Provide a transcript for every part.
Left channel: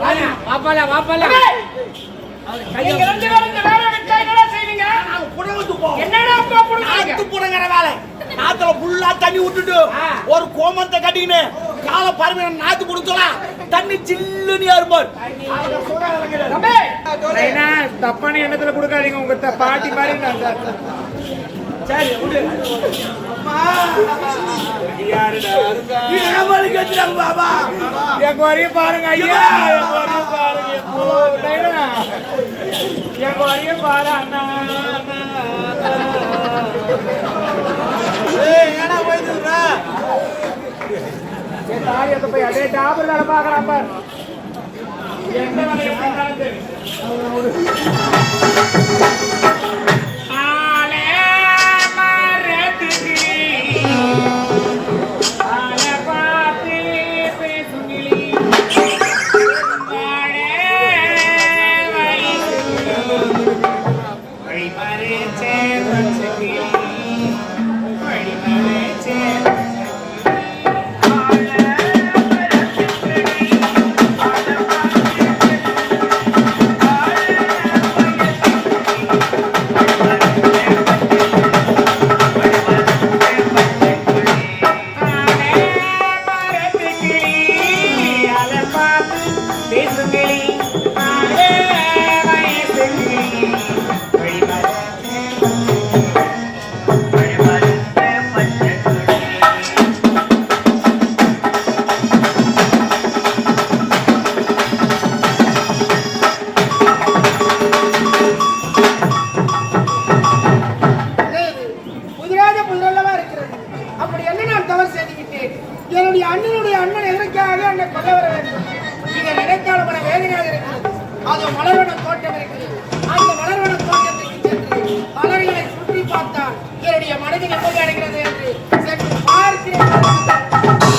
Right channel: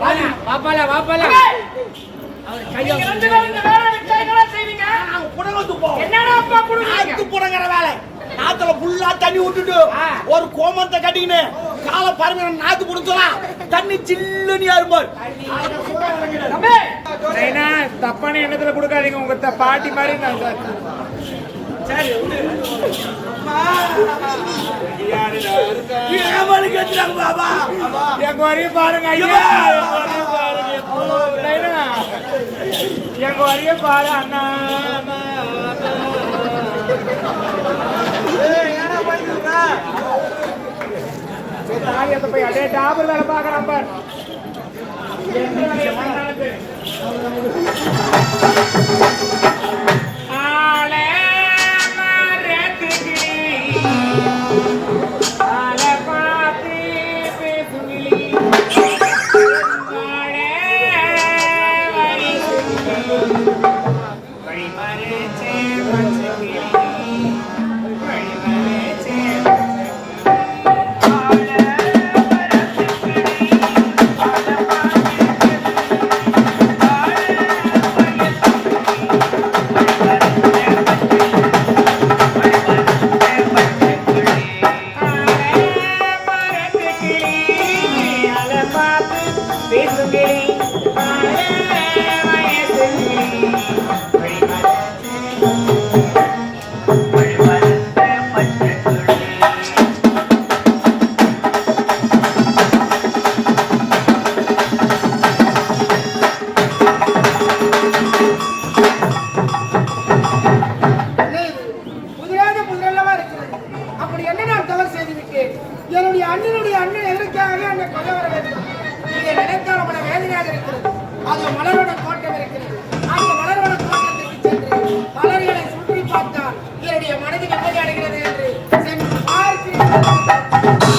வாப்பால வாப்பால நாத்துல புல்லா தண்ணி விட்டுட்டு ஒரு கோமத்தை கட்டிக்கின்னு காலை பாருங்க நாத்து புடிச்சலாம் தண்ணி சில்லுன்னு ஏறுமாறு தப்பான எண்ணத்துல கொடுக்காதீங்க உங்க பாட்டி மாதிரி நான் சரி பாபா எங்க வரைய பாருங்க ஐயா எங்க வரைய பாரு அண்ணா தாயத்தை போய் அதே டாபர் வேலை பார்க்கலாம் பார் எந்த வேலையை பண்ணாலும் சரி என்னுடைய அண்ணனுடைய அண்ணன் எதற்காக அங்கே கொல்ல வர வேண்டும்? நீங்க நினைத்தால் மன வேதனையாக இருக்கிறது. அது மலர்வன தோட்டம் இருக்கிறது. அந்த மலர்வன தோட்டத்திற்கு சென்று மலர்களை சுற்றி பார்த்தால் என்னுடைய மனதில் நிம்மதி அடைகிறது என்று சென்று பார்க்கிறேன்.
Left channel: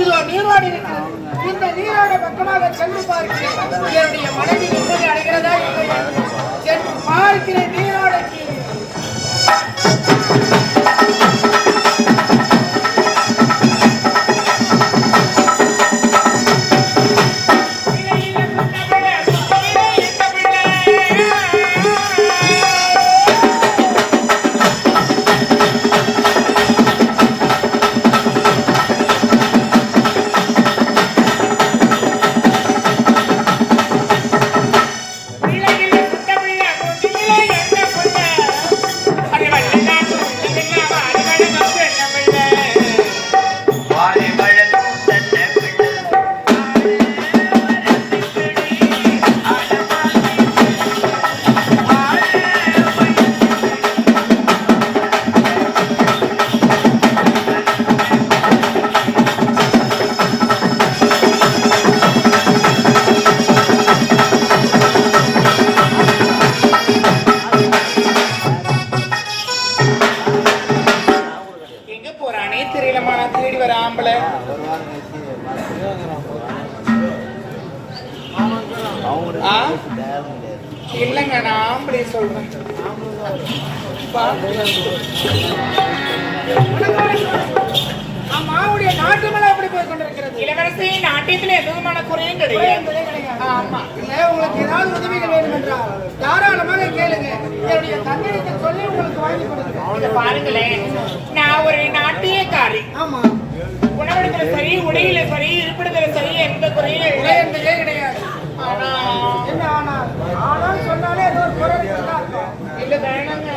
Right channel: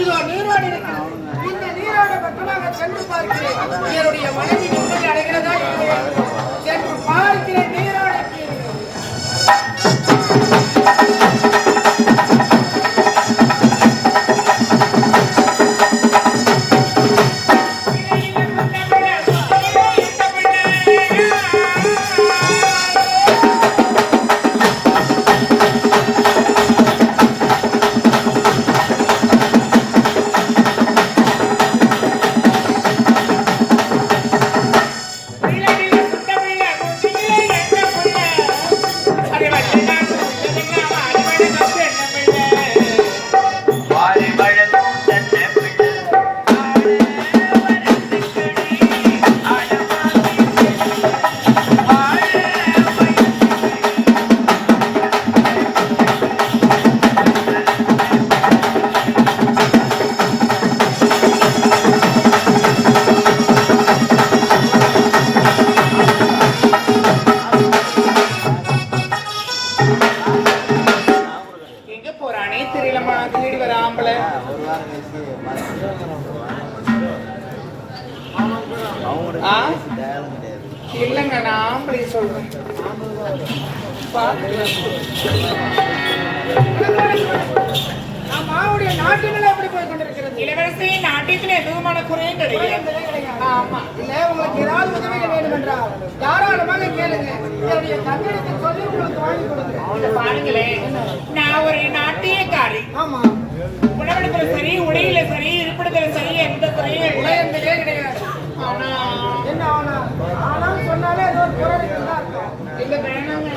இதோ நீரோடு இருக்கிறது. இந்த நீரோட பக்கமாக சென்று பார்க்கிறேன். என்னுடைய மனைவி நிம்மதி அடைகிறதா சென்று பார்க்கிறேன். நீரோடைக்கு இல்லைங்க நான் ஆம்பளை சொல்றேன். மாவுடைய நாட்டுமெல்லாம் எப்படி போய் கொண்டிருக்கிறது? இளவரசி நாட்டியத்தில் எதுவுமான குறையும் கிடையாது. ஆமா இல்ல உங்களுக்கு ஏதாவது உதவிகள் வேண்டும் என்றால் தாராளமாக கேளுங்க. என்னுடைய தந்தையத்தை சொல்லி உங்களுக்கு வாங்கி கொடுங்க. பாருங்களேன், நான் ஒரு நாட்டியக்காரி. ஆமா, உணவெடுக்கிற சரி, உடையில சரி, இருப்பிடத்துல சரி, எந்த குறையும் இல்லை என்பதே கிடையாது. ஆனா என்ன ஆனா ஆனா சொன்னாலே ஏதோ ஒரு குறை இருக்குதா? இல்ல வேணாங்க.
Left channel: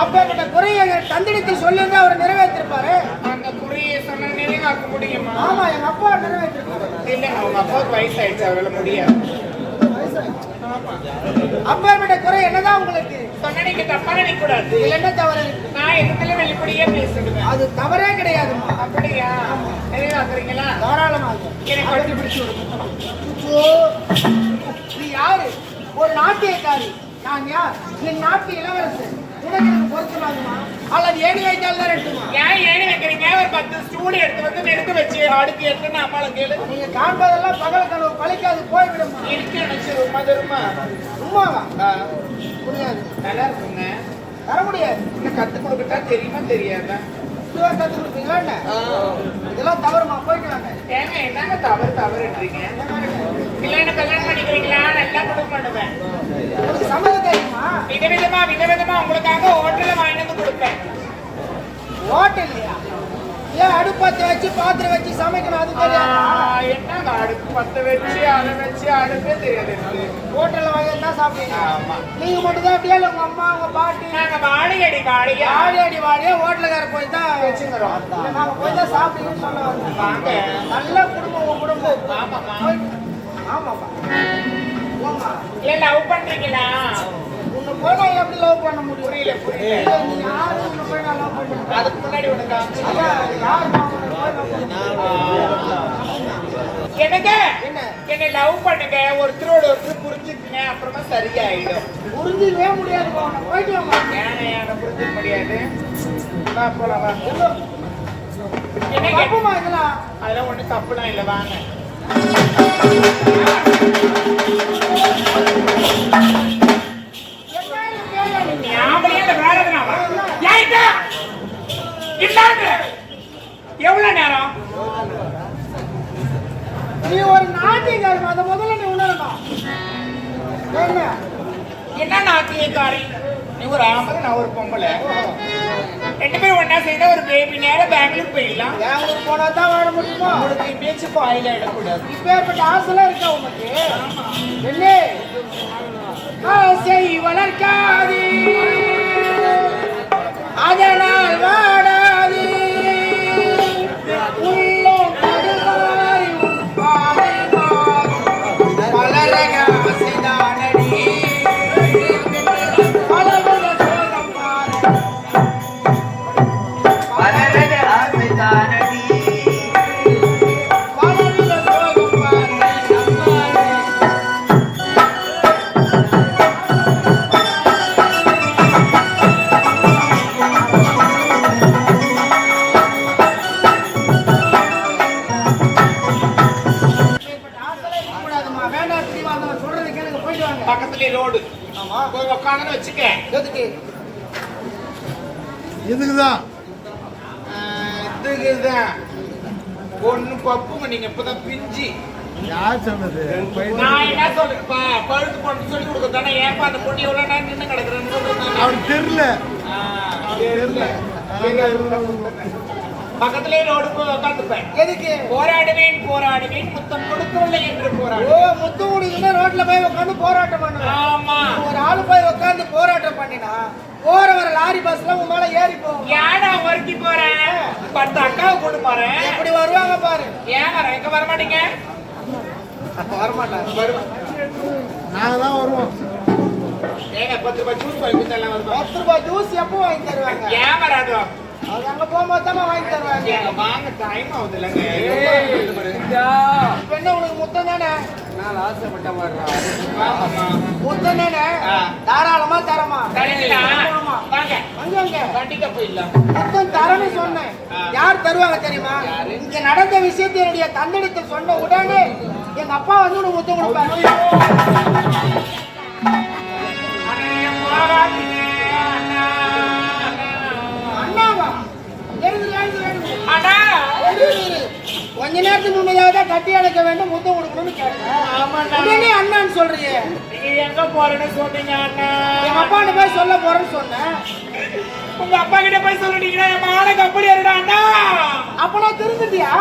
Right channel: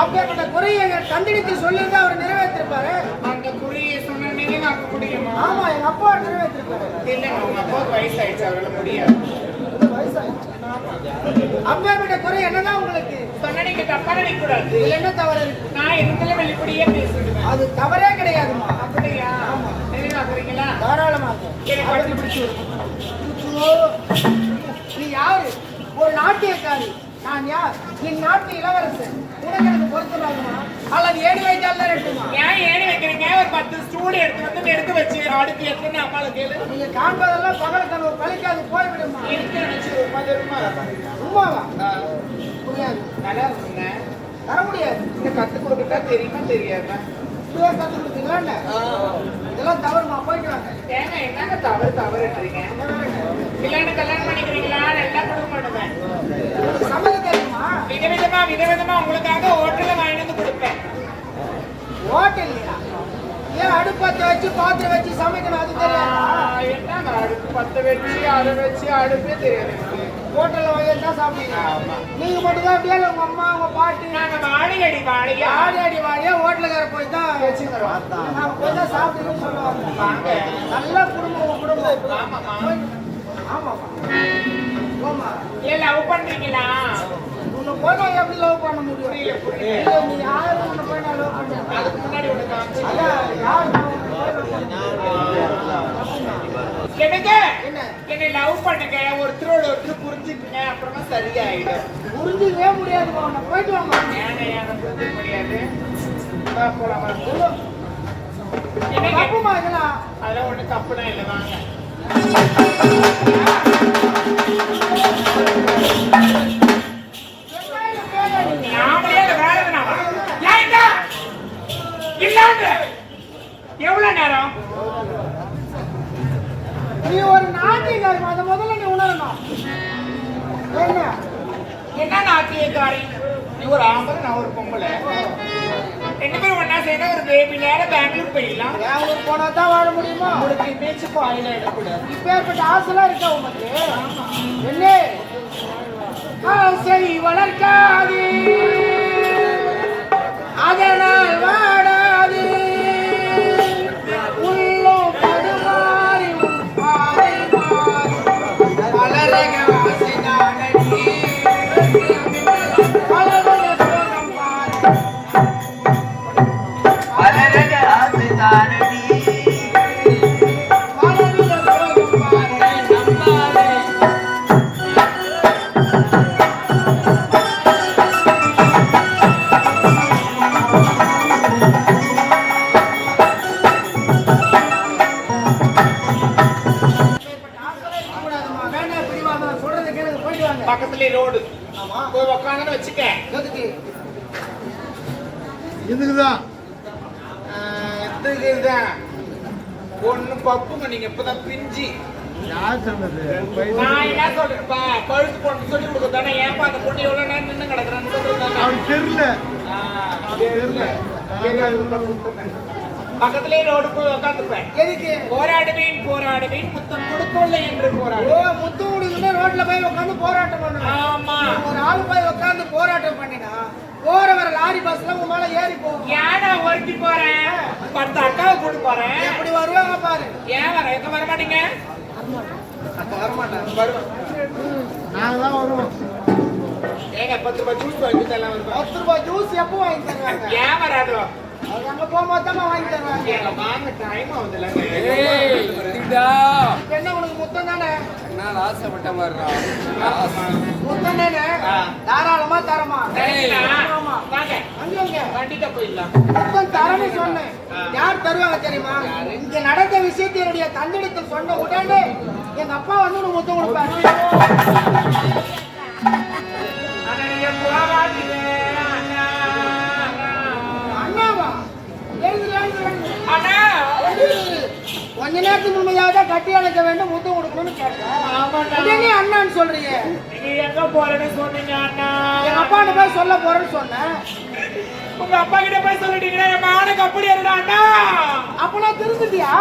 அப்பேற்பட்ட குறையை தந்திடத்தில் சொல்லுங்க, அவர் நிறைவேற்றிருப்பாரு. அந்த குறியை சொன்ன நினைவாக்க முடியுமா? ஆமா, எங்க அப்பா நிறைவேற்றிருப்பாரு. இல்லைங்க, அவங்க அப்பாவுக்கு வயசாயிடுச்சு, அவரால முடியாது. அப்பேற்பட்ட குறை என்னதான் உங்களுக்கு? சொன்னனைக்கு தப்பா நினைக்க கூடாது. இதுல என்ன தவறு இருக்கு? நான் எங்களை வெளிப்படையே பேசுகிறேன். அது தவறே கிடையாதுமா. அப்படியா? நிறைவாக்குறீங்களா? தாராளமாக. எனக்கு கட்டி பிடிச்சு நீ யாரு? ஒரு நாட்டியக்காரி. நான் யார்? என் நாட்டு இளவரசன். உனக்கு எனக்கு பொருத்தமாகுமா அல்லது ஏணி வைத்தால் தான் எடுக்குமா? ஏன் ஏணி வைக்கிறீங்க? ஒரு 10 ஸ்டூல் எடுத்து வந்து எடுத்து வச்சு அடுத்து எடுத்துன்னு அம்மாவை கேளு. நீங்க காண்பதெல்லாம் பகல் கனவு பழிக்காது, போய்விடுமா? இருக்கு உண்மைதருமா? உண்மாவா? முடியாது. நல்லா இருக்குங்க. தர முடியாது. இந்த கத்து கொடுக்கட்டா தெரியுமா தெரியாதா? இதுவரை கத்து கொடுத்தீங்களா என்ன? இதெல்லாம் தவறுமா, போய்க்கிறாங்க. ஏங்க என்னங்க தவறுன்றீங்க? கல்யாணம் பண்ணிக்கிறீங்களா? நல்லா கொடுக்க பண்ணுவேன். சம்மதம் தெரியுமா? விதவிதமா உங்களுக்காக ஹோட்டல்ல வாங்கி வந்து கொடுப்பேன். ஹோட்டல் ஏன் அடுப்பத்தை வச்சு பாத்திரம் வச்சு சமைக்கணும்? அது தெரியாது. என்னங்க அடுப்பு பத்த வச்சு அதை வச்சு அடுப்பே தெரியாது. ஹோட்டல்ல வாங்கி தான் சாப்பிட்டீங்க. ஆமா. நீங்க மட்டும் தான் அப்படியே உங்க அம்மா உங்க பாட்டி நாங்க வாழையடி வாழியா ஹோட்டலுக்கார போய் தான் வச்சுக்கிறோம். நாங்க போய் தான் சாப்பிட்டீங்கன்னு சொல்லுவாங்க. வாங்க. நல்ல குடும்பம். ஆமாமா. ஆமாமா. போமா. ஏன் லவ் பண்றீங்களா? உன்னை போய் நான் எப்படி லவ் பண்ண முடியும்? புரியல. இல்ல, நீ யாரு உன்னை போய் நான் லவ் பண்ணுறேன்? அதுக்கு முன்னாடி ஒண்ணு காமிச்சு. யார் நான் உன்னை போய் love பண்றேன்? எனக்கு என்ன? என்னை லவ் பண்ணுங்க, ஒருத்தரோட ஒருத்தர் புரிஞ்சுக்குங்க, அப்புறமா சரியாயிடும். புரிஞ்சிக்கவே முடியாது. உன்னை போயிட்டு வாங்க. ஏன புரிஞ்சுக்க முடியாது. வா போலாம் வா. எனக்கு அப்பமா இதெல்லாம் அதெல்லாம் ஒண்ணு தப்புலாம் இல்லை, வாங்க. எவ்வளவு நேரம்? நீ ஒரு நாட்டியக்காரமா, அதை முதல்ல நீ உணரணும். என்ன? என்ன நாட்டியக்காரி? நீ ஒரு ஆம்பளை, நான் ஒரு பொம்பளை. 2 பேரும் ஒன்னா சேர்ந்தா ஒரு பேபி நேரம் பெங்களூர் போயிடலாம். பெங்களூர் போனா தான் வாழ முடியுமா? உங்களுக்கு பீச்சுக்கு ஆயில் ஆயிடக்கூடாது. இப்பேற்பட்ட ஆசைலாம் இருக்கா உனக்கு? என்ன? ஆசை வளர்க்காது, அதனால் வாடாது. உள்ளம் கருவாய் வளரக ஆசைதானடி. வளரக ஆசைதானடி. பக்கத்துல ரோடு போய் உட்காந்து வச்சுக்க. இதுக்குதான் இதுதான் பொண்ணு பப்புங்க, நீங்க இப்பதான் பிஞ்சி. யார் சொன்னது? நான் என்ன சொல்றேன்ப்பா, பழுத்து பொண்ணு சொல்லி கொடுக்க தானே. ஏன்ப்பா அந்த பொண்ணு எவ்வளவு நேரம் நின்று கிடக்குறான்னு அவனுக்கு தெரியல. பக்கத்துலயே ரோடு போய் உட்காந்துப்பேன். எதுக்கு? போராடுவேன் முத்தம் கொடுக்கவில்லை என்று போராடு. ஓ, முத்து குடிக்குன்னா ரோட்ல போய் உட்காந்து போராட்டம் பண்ணுவேன். ஆமா. ஒரு ஆளு போய் உட்காந்து போராட்டம் பண்ணினா போறவர லாரி பஸ்ல உங்க மேல ஏறி போகும். ஏன்னா ஒருத்தி போறேன், 10 அக்காவை கூட்டு போறேன். இப்படி வருவாங்க பாரு. ஏன் வர இங்க வர மாட்டீங்க? வரமாட்டாங்க. வருவோம். நாங்க தான் வருவோம். ஏங்க 10 ரூபாய் ஜூஸ் வாங்கி தரலாம் வருவா. 10 ரூபாய் ஜூஸ் எப்போ வாங்கி தருவாங்க? ஏன் வராதோ? அவங்க அங்க போகும்போது தான் வாங்கி தருவாங்க. ஏங்க வாங்க, டைம் ஆகுது இல்லைங்க. என்ன உங்களுக்கு முத்தம் தானே? ஆசைப்பட்ட மாதிரி முத்தம் தானே? தாராளமா தரமா? தரீங்களா? வாங்க அங்க வண்டிக்க போயிடலாம். முத்தம் தரன்னு சொன்னேன். யார் தருவாங்க தெரியுமா? இங்க நடந்த விஷயத்தை என்னுடைய தந்தையிட்ட சொன்ன உடனே எங்க அப்பா வந்து உனக்கு முத்தம் கொடுப்பாரு. அண்ணாவா? கொஞ்ச நேரத்துக்கு முன்னதாக கட்டி அணைக்க வேண்டும், முத்தம் கொடுக்கணும்னு கேட்டேன். உடனே அண்ணான்னு சொல்றீங்க. நீங்க எங்க போறேன்னு சொன்னீங்க அண்ணா? எங்க அப்பாட்ட போய் சொல்ல போறேன்னு சொன்னேன். உங்க அப்பா கிட்ட போய் சொல்லிட்டீங்கன்னா என் மானுக்கு அப்படி இருக்கா அண்ணா? அப்ப நான் திருந்துட்டியா?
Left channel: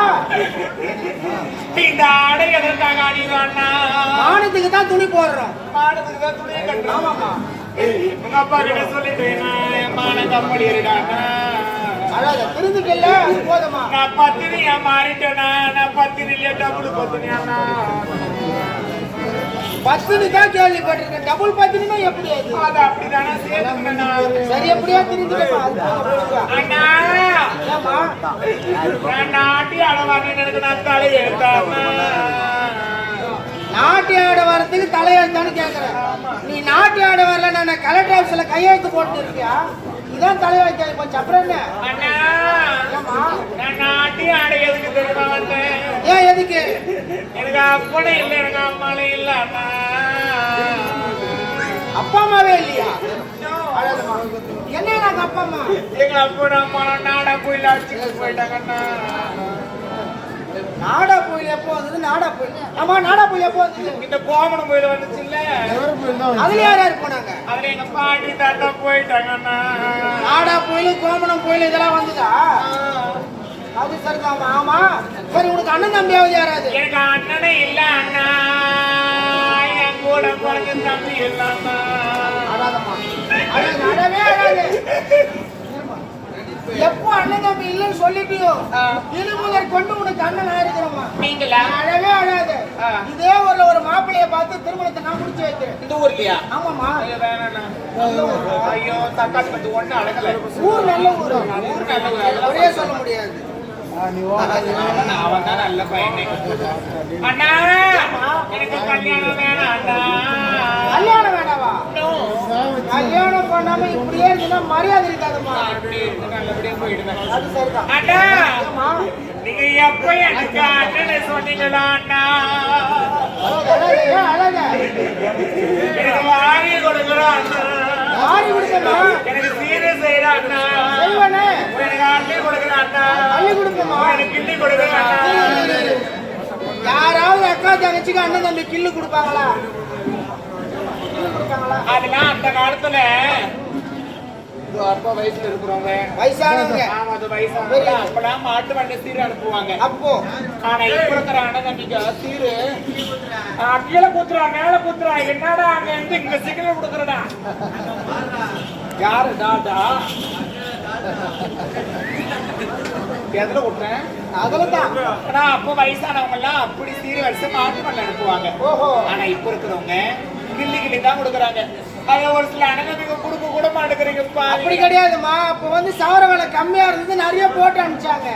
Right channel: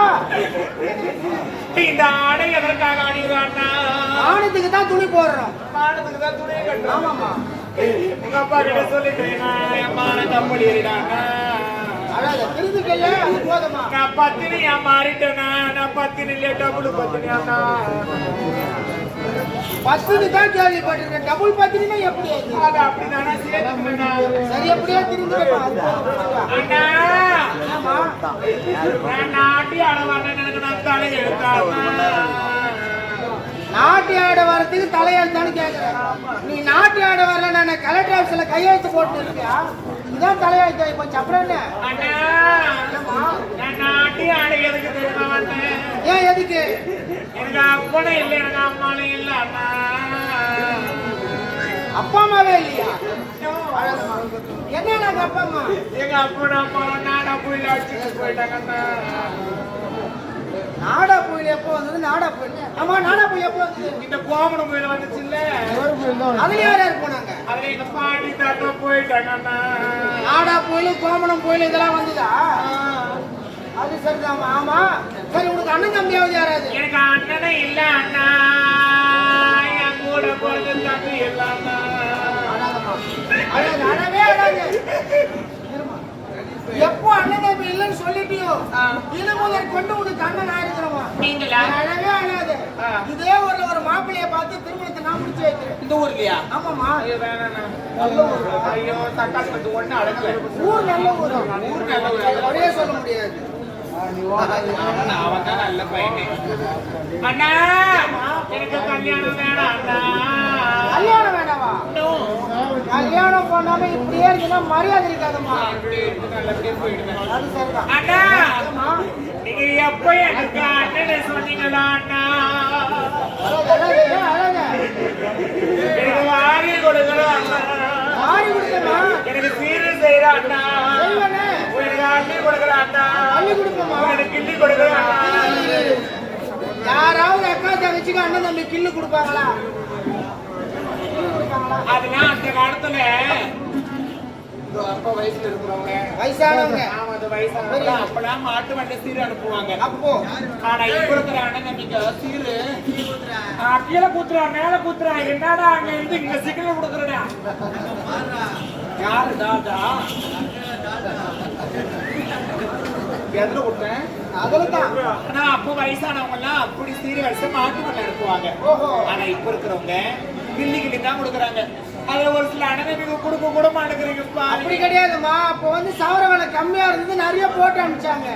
இந்த ஆடை எதற்காக அணிகிறோம் அண்ணா? ஆணத்துக்கு தான் துணி போடுறேன். மானத்துக்கு தான் துணியை கட்டுறோம். உங்க அப்பா கிட்ட சொல்லிக்கிறேன் என் மகனை கம்பெனி இருக்காங்க திருந்துக்கல்ல அது போதுமா நான் பத்தினியா மாறிட்டேனா நான் பத்தினி இல்லையா டபுள் பத்தினியாண்ணா பத்தினி தான் கேள்விப்பட்டிருக்கேன் டபுள் பத்தினா எப்படி அது அது அப்படிதானே சேர்த்துக்கண்ணா சரி எப்படியா திருந்துக்கா அண்ணா நான் நாட்டி அளவான எனக்கு நான் தலை எடுத்தாண்ணா நாட்டு ஆட வரத்துக்கு தலையெழுத்தான்னு கேட்கிறேன் நீ நாட்டு ஆட வரல நான் கலெக்டர் ஆஃபீஸ்ல கையெழுத்து போட்டு இருக்கியா இதான் தலையெழுத்து இப்போ அப்புறம் என்ன அண்ணா நான் நாட்டி ஆட எதுக்கு தெரியுமா வந்தேன் ஏன் எதுக்கு எனக்கு அப்பனும் இல்லை எனக்கு அம்மாவும் இல்லை அண்ணா அப்பா அம்மாவே இல்லையா என்ன நாங்க அப்பா அம்மா எங்க அப்பனும் அம்மாவும் நாடா போயில அடிச்சுட்டு போயிட்டாங்கண்ணா நாடா புயல் எப்போ வந்தது நாடா புயல் ஆமா நாடா புயல் எப்போ வந்தது இந்த கோமணம் போயில வந்துச்சு இல்ல அதுல யார் யார் போனாங்க அதுல எங்க பாட்டி தாத்தா போயிட்டாங்கண்ணா நாடா புயல் கோமணம் புயல் இதெல்லாம் வந்துதா அது சரிதான் ஆமா சரி உனக்கு அண்ணன் தம்பியாவது யாராவது எனக்கு அண்ணனே இல்ல அண்ணா என் கூட பிறந்த தம்பி இல்லண்ணா அடவே அடாது எப்போ அண்ணன் தம்பி இல்லைன்னு சொல்லிட்டியோ இது முதல் கொண்டு உனக்கு அண்ணன் ஆயிருக்கிறோமா நீங்களா அழவே அழாது இதே ஊர்ல ஒரு மாப்பிள்ளைய பார்த்து திருமணத்தை நான் முடிச்சு வைக்கிறேன் இந்த ஊர்லயா ஆமாமா ஐயோ வேணாண்ணா ஐயோ தக்காளி பத்தி ஒண்ணு அடங்கல ஊர் நல்ல ஊர் ஊர் நல்ல ஊர். அப்படியே சொல்ல முடியாது அவன் தான் நல்ல பையனே அண்ணா எனக்கு கல்யாணம் வேணாம் அண்ணா கல்யாணம் வேண்டாவா கல்யாணம் பண்ணாம இப்படியே இருந்தா மரியாதை இருக்காதுமா அப்படியே இருந்து நல்லபடியா போயிடுவேன் அது சரிதான் அண்ணா நீங்க எப்ப எனக்கு அண்ணன் சொன்னீங்களா அண்ணா எனக்கு வாரி கொடுக்கலாம் அண்ணா ஆடி கொடுக்கமா எனக்கு சீரை செய்யற அண்ணா செய்வனே எனக்கு அள்ளி கொடுக்குற அண்ணா அள்ளி கொடுக்கமா எனக்கு கிள்ளி கொடுக்குற அண்ணா யாராவது அக்கா தங்கச்சிக்கு அண்ணன் தம்பி கில்லு கொடுப்பாங்களா அதெல்லாம் அந்த காலத்துல அப்பா வயசுல இருக்கிறவங்க வயசானவங்க அது வயசானவங்க அப்பெல்லாம் மாட்டு வண்டி சீரை அனுப்புவாங்க அப்போ ஆனா இப்ப இருக்கிற அண்ணன் தம்பிக்கு சீரு கீழே கூத்துறா மேல கூத்துறா என்னடா அங்க இருந்து இங்க சிக்னல் கொடுக்குறடா யாரு டாடா எதுல விட்டுறேன் அதுலதான் ஆனா அப்ப வயசானவங்க எல்லாம் அப்படி சீரு வருஷம் மாட்டு வண்டி அனுப்புவாங்க ஓஹோ ஆனா இப்ப இருக்கிறவங்க கிள்ளி கிள்ளி தான் கொடுக்குறாங்க அது ஒரு சில அண்ணனுக்கு கொடுக்க கூட மாட்டேங்கிறீங்கப்பா அப்படி கிடையாதுமா அப்போ வந்து சவர விலை கம்மியா இருந்தது நிறைய போட்டு அனுப்பிச்சாங்க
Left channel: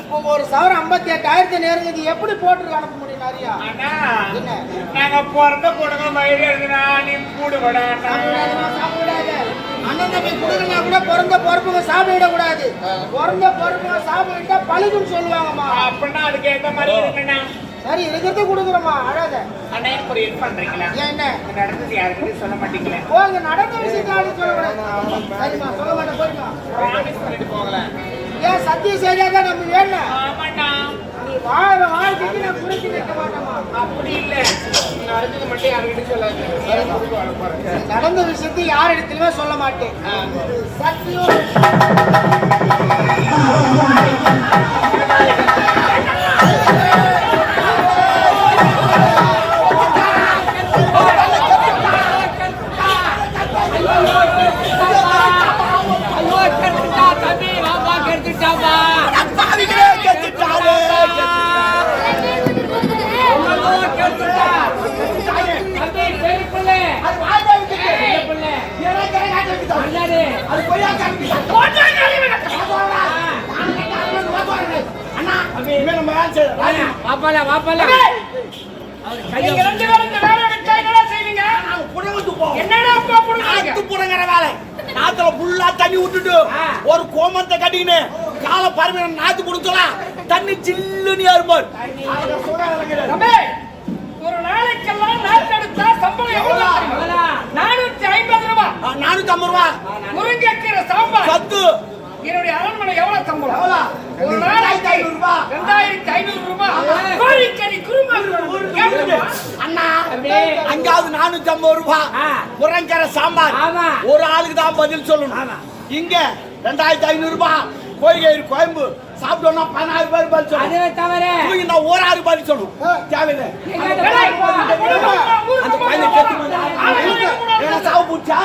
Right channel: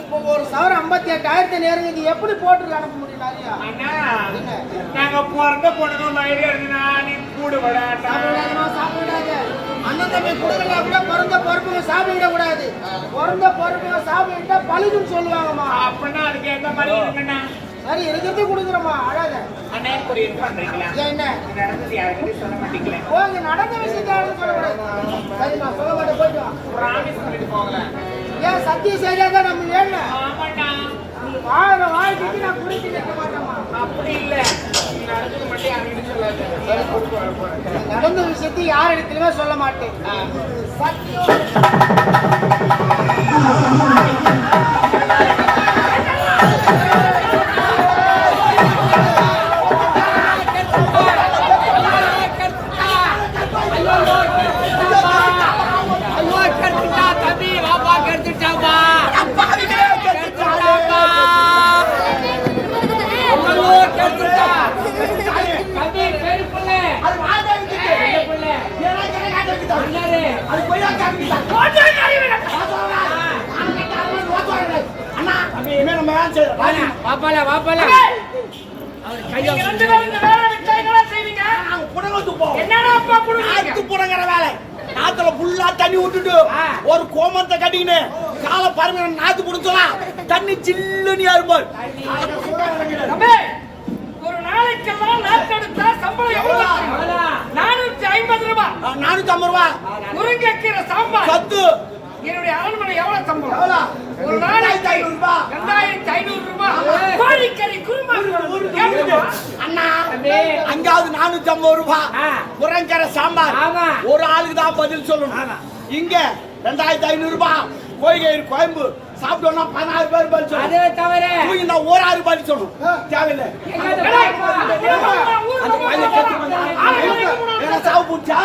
இப்போ ஒரு சவரம் 58,000 நெருங்குது எப்படி போட்டு அனுப்ப முடியும் நிறைய அண்ணா நாங்க பிறந்த பொண்ணுங்க மயிறு எழுதுனா நீ கூடுபடா அண்ணா சாப்பிடாது அண்ணன் தம்பி கொடுக்கறா கூட பிறந்த பொறுப்புங்க சாப்பிட கூடாது பிறந்த பொறுப்புங்க சாப்பிட்டா பழுதுன்னு சொல்லுவாங்கம்மா அப்படின்னா அதுக்கு ஏத்த மாதிரி இருக்குண்ணா சரி இருக்கிறது கொடுக்குறோமா அழாத அண்ணா எனக்கு ஒரு ஹெல்ப் பண்றீங்களா என்ன இது நடந்தது யாருக்கிட்டையும் சொல்ல மாட்டீங்களே இங்க நடந்த விஷயத்தை யாரும் சொல்லக்கூடாது சரிம்மா சொல்ல மாட்டேன் போயிட்டு வா. ப்ராமிஸ் பண்ணிட்டு போகல ஏன் சத்தியம் செய்யாதான் நம்ம வேணும் ஆமாண்ணா நீ வாழற வாழ்க்கைக்கு நான் குறிச்சு கட்ட மாட்டேமா அப்படி இல்ல நீங்க நடந்தது மட்டும் யாருக்கிட்டையும் சொல்லாங்க நடந்த விஷயத்தை யார் இடத்துலயுமே சொல்ல மாட்டேன் சத்தியம் தண்ணி விட்டுட்டு ஒரு கோமத்தை கட்டிக்கின்னு கால பாருங்க நாத்து புடிச்சலாம் தண்ணி சில்லுன்னு ஏறும்போது ஒரு நாளைக்கெல்லாம் நாட்டெடுத்தா சம்பளம் எவ்வளவு 450 ரூபாய் 450 ரூபாய் முருங்கைக்கீரை சாம்பார் பத்து என்னுடைய அரண்மனை எவ்வளவு சம்பளம் ஒரு நாளைக்கு 2500 ரூபாய் 2500 ரூபாய் கோழிக்கறி குருமா அண்ணா அஞ்சாவது 450 ரூபாய் முருங்கரை சாம்பார் ஒரு ஆளுக்கு தான் பதில் சொல்லணும் இங்க 2500 ரூபாய் கோழிக்கறி குழம்பு சாப்பிட்டோம்னா 16 பேர் பதில் சொல்லணும். அதே தவிர தூங்கினா ஒரு 6 பதில் சொல்லணும். தேவையில்லை. அந்த பையனை கெட்டு ஏன்னா சாவு பூச்சா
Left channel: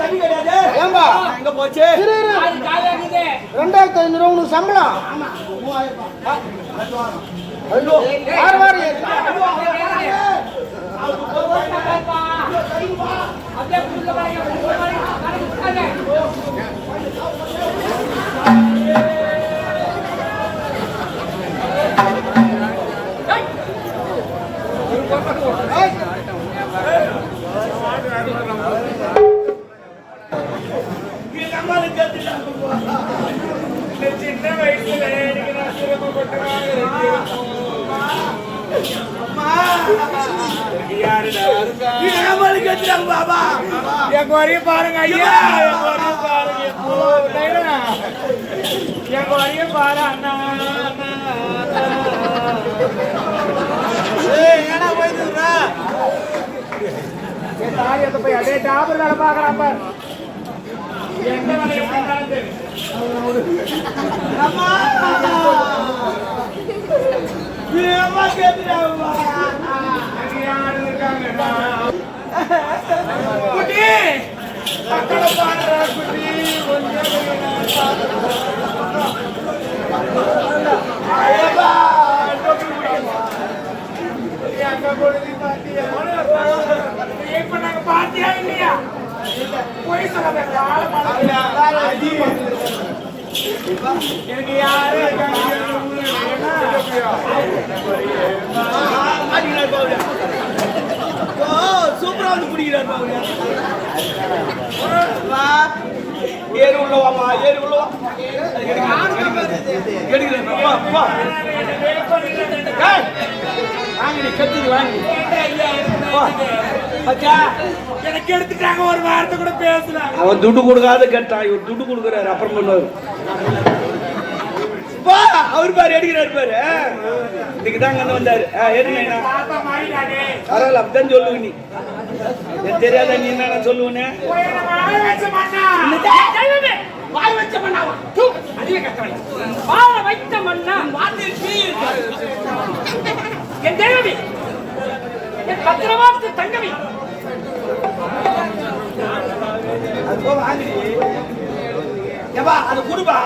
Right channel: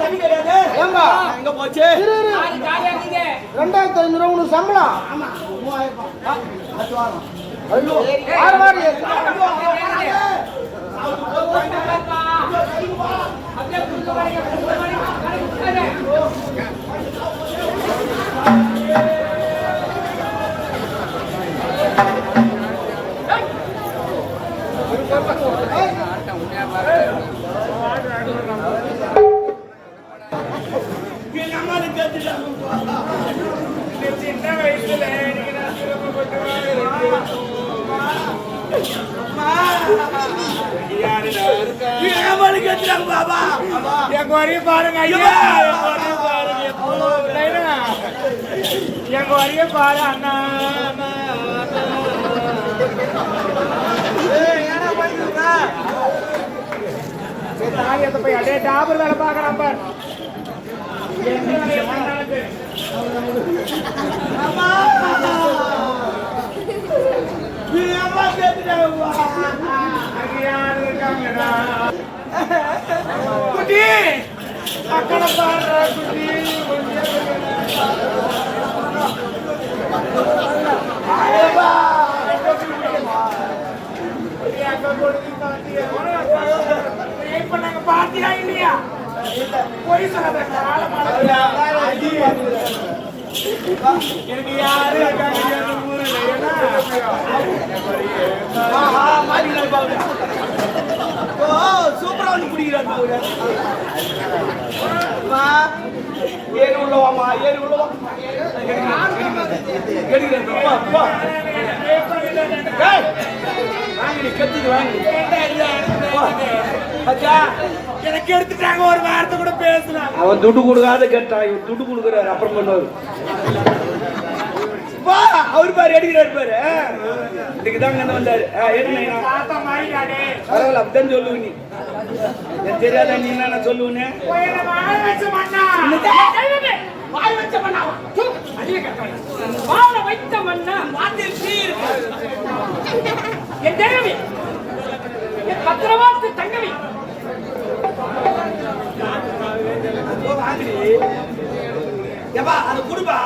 தண்ணி கிடையாது. எங்க போச்சு? 2500 சம்பளம். ஆமா 3000 அது வாரம். ஐயோ வார வாரம் சின்ன வயசுல எனக்கு நான் சிரமப்பட்டு பாபா என் குறைய பாருங்க ஐயா, என் குறைய பாருங்க, என் குறைய பாரு அண்ணா. தாயத்தை போய் அடே டாபர் வேலை பாக்குறான் பாரு. எந்த வேலையை பண்ணாலும் சரி. அம்மா கேட்டுட்டாங்கப்பா. குட்டி அக்கட பாடுற குட்டி இப்ப நாங்க பாத்தியா இல்லையா? போய் சொல்லாத காலம் எனக்கு யாரு இருக்காங்க ஊர்ல ஏன்னா சூப்பரா வந்து குடிக்கிறாரு. ஏறி உள்ள வாங்க, ஏறி உள்ள எனக்கு எடுத்துட்டாங்க. ஒரு வார்த்தை கூட பேசலாம். அவன் துட்டு கொடுக்காத கேட்டான், இவர் துட்டு கொடுக்குறாரு. அப்புறம் பண்ணுவாரு. அவர் பாரு அடிக்கிறாரு பாரு. இதுக்குதான் அங்க வந்தாரு. தாத்தா மாறிடாதே. பரவாயில்ல, அப்படிதான் சொல்லுங்க. நீ எனக்கு தெரியாத நீ என்ன சொல்லுவனே? வாய் வச்ச மண்ணா, வாய் வச்ச மண்ணா, அதிக கட்டளை வாழ வைத்த மண்ணா, வாட்டில் தீ இருக்கு. என் தேவி, என் பத்திரமாத்து தங்கவி, அது போ வாங்கடி. ஏப்பா அது குடுப்பா.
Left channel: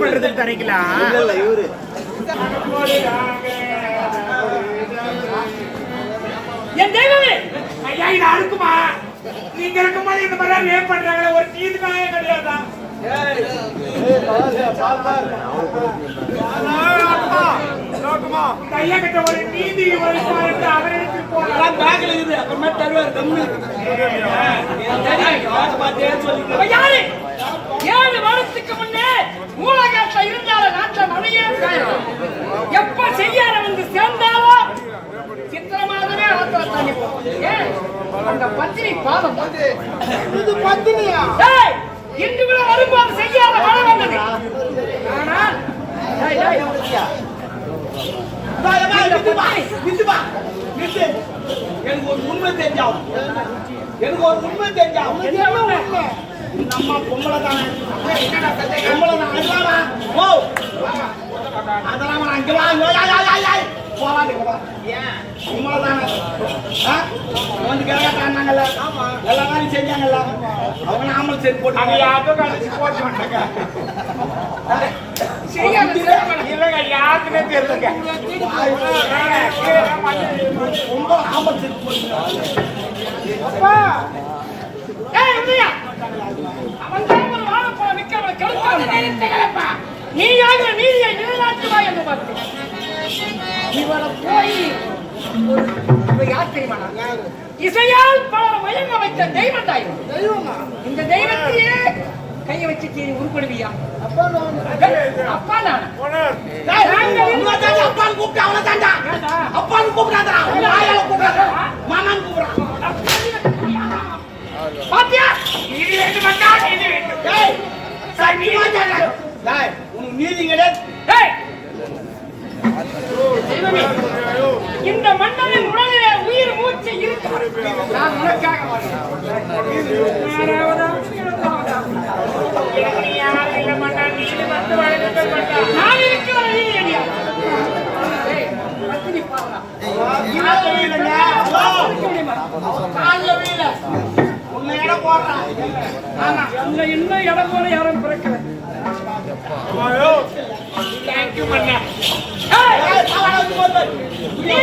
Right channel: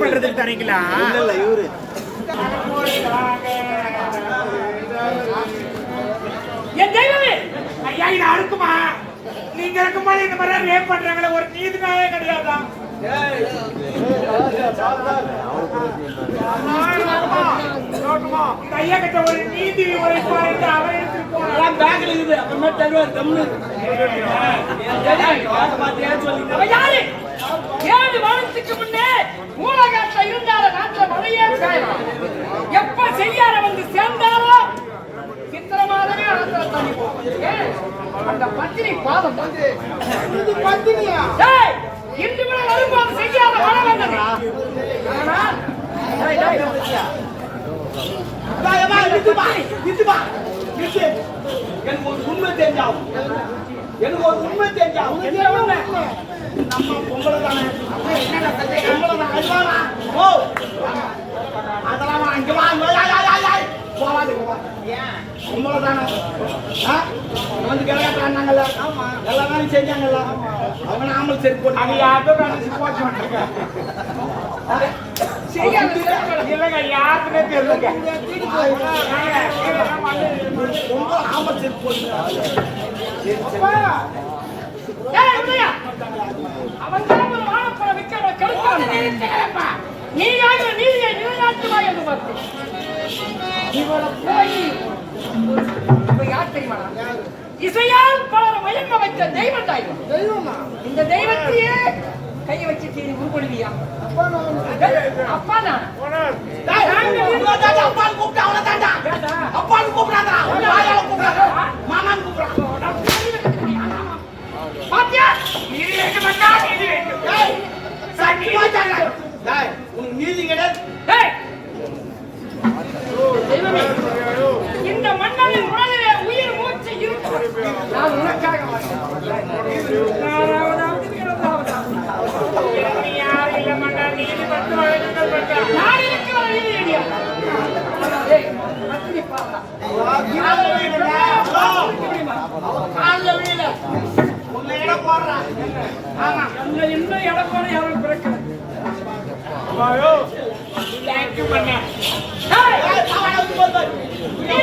பண்றதுக்கு தரைக்கலாம். இல்ல இவரு என் தெய்வமே ஐயா, இது அறுக்குமா? நீங்க இருக்குமா? இந்த மாதிரி ரேப் பண்றாங்களே, ஒரு நீதிக்காக கிடையாதா? இந்த ஐயா கிட்ட ஒரு நீதி ஒரு அவரை எடுத்துட்டு போறான். பேக்ல இருக்குது, அப்புறமா தருவார். யாரு 7 வருடத்துக்கு முன்னே மூலகாட்ட இருந்தால நாட்டில் மழையே எப்ப செய்யார வந்து சேர்ந்தாலும் சித்திரமாதவே ஆத்திர தண்ணி போகும். அந்த பத்தினி பாவம். இது பத்தினியா? இன்று விட வரும்போது செய்யாத மழை வந்தது. ஆனால் எனக்கு ஒரு உண்மை தெரிஞ்சாவும், எனக்கு ஒரு உண்மை தெரிஞ்சாவும். என்ன உண்மை? நம்ம பொம்பளை தானே. என்னடா சந்தேகம்? பொம்பளை தான். அதுவாமா? ஓ அதெல்லாம் அங்க வாங்க போவாங்க. ஏன் பொம்பளை தானே? வந்து கேட்கறாங்கல்ல. ஆமா எல்லாரும் செஞ்சாங்கல்ல. அவங்க நாமளும் சரி போட்டு யாருக்கும் போட்டு மாட்டாங்க. செய்யாத இல்லைங்க, யாருக்குமே தெரியலங்க. ரொம்ப நாமள் சரி போட்டு அவன் தான் ஒரு வாழப்பழ விற்கிறவரை கெடுத்தான். நீயாக நீதியை நிலைநாட்டுவா என்று பார்த்தேன். இவனை போய் இவன் யார் தெரியுமா? இசையால் பலரை மயங்க வைத்த தெய்வம் தான் இவன். இந்த தெய்வத்தையே கையை வச்சு தீ உருப்படுவியா? அப்பா நான் அப்பான்னு கூப்பிட்டு அவனை தாண்டா. அப்பான்னு கூப்பிடாதா, மாமான்னு கூப்பிடுறான். பாத்தியா? நீதி வேண்டும் அண்ணா, நீதி வேண்டும். உனக்கு நீதி கிடையாது. தெய்வமே, இந்த மன்னனின் உடலிலே உயிர் மூச்சு இருக்கு. நான் உனக்காக நான் இருக்கிற வீடு அடியா ஏய் பத்தினி பாருடா இன்னும் இடம் போல யாரும் பிறக்கல தேங்க்யூ பண்ண நீ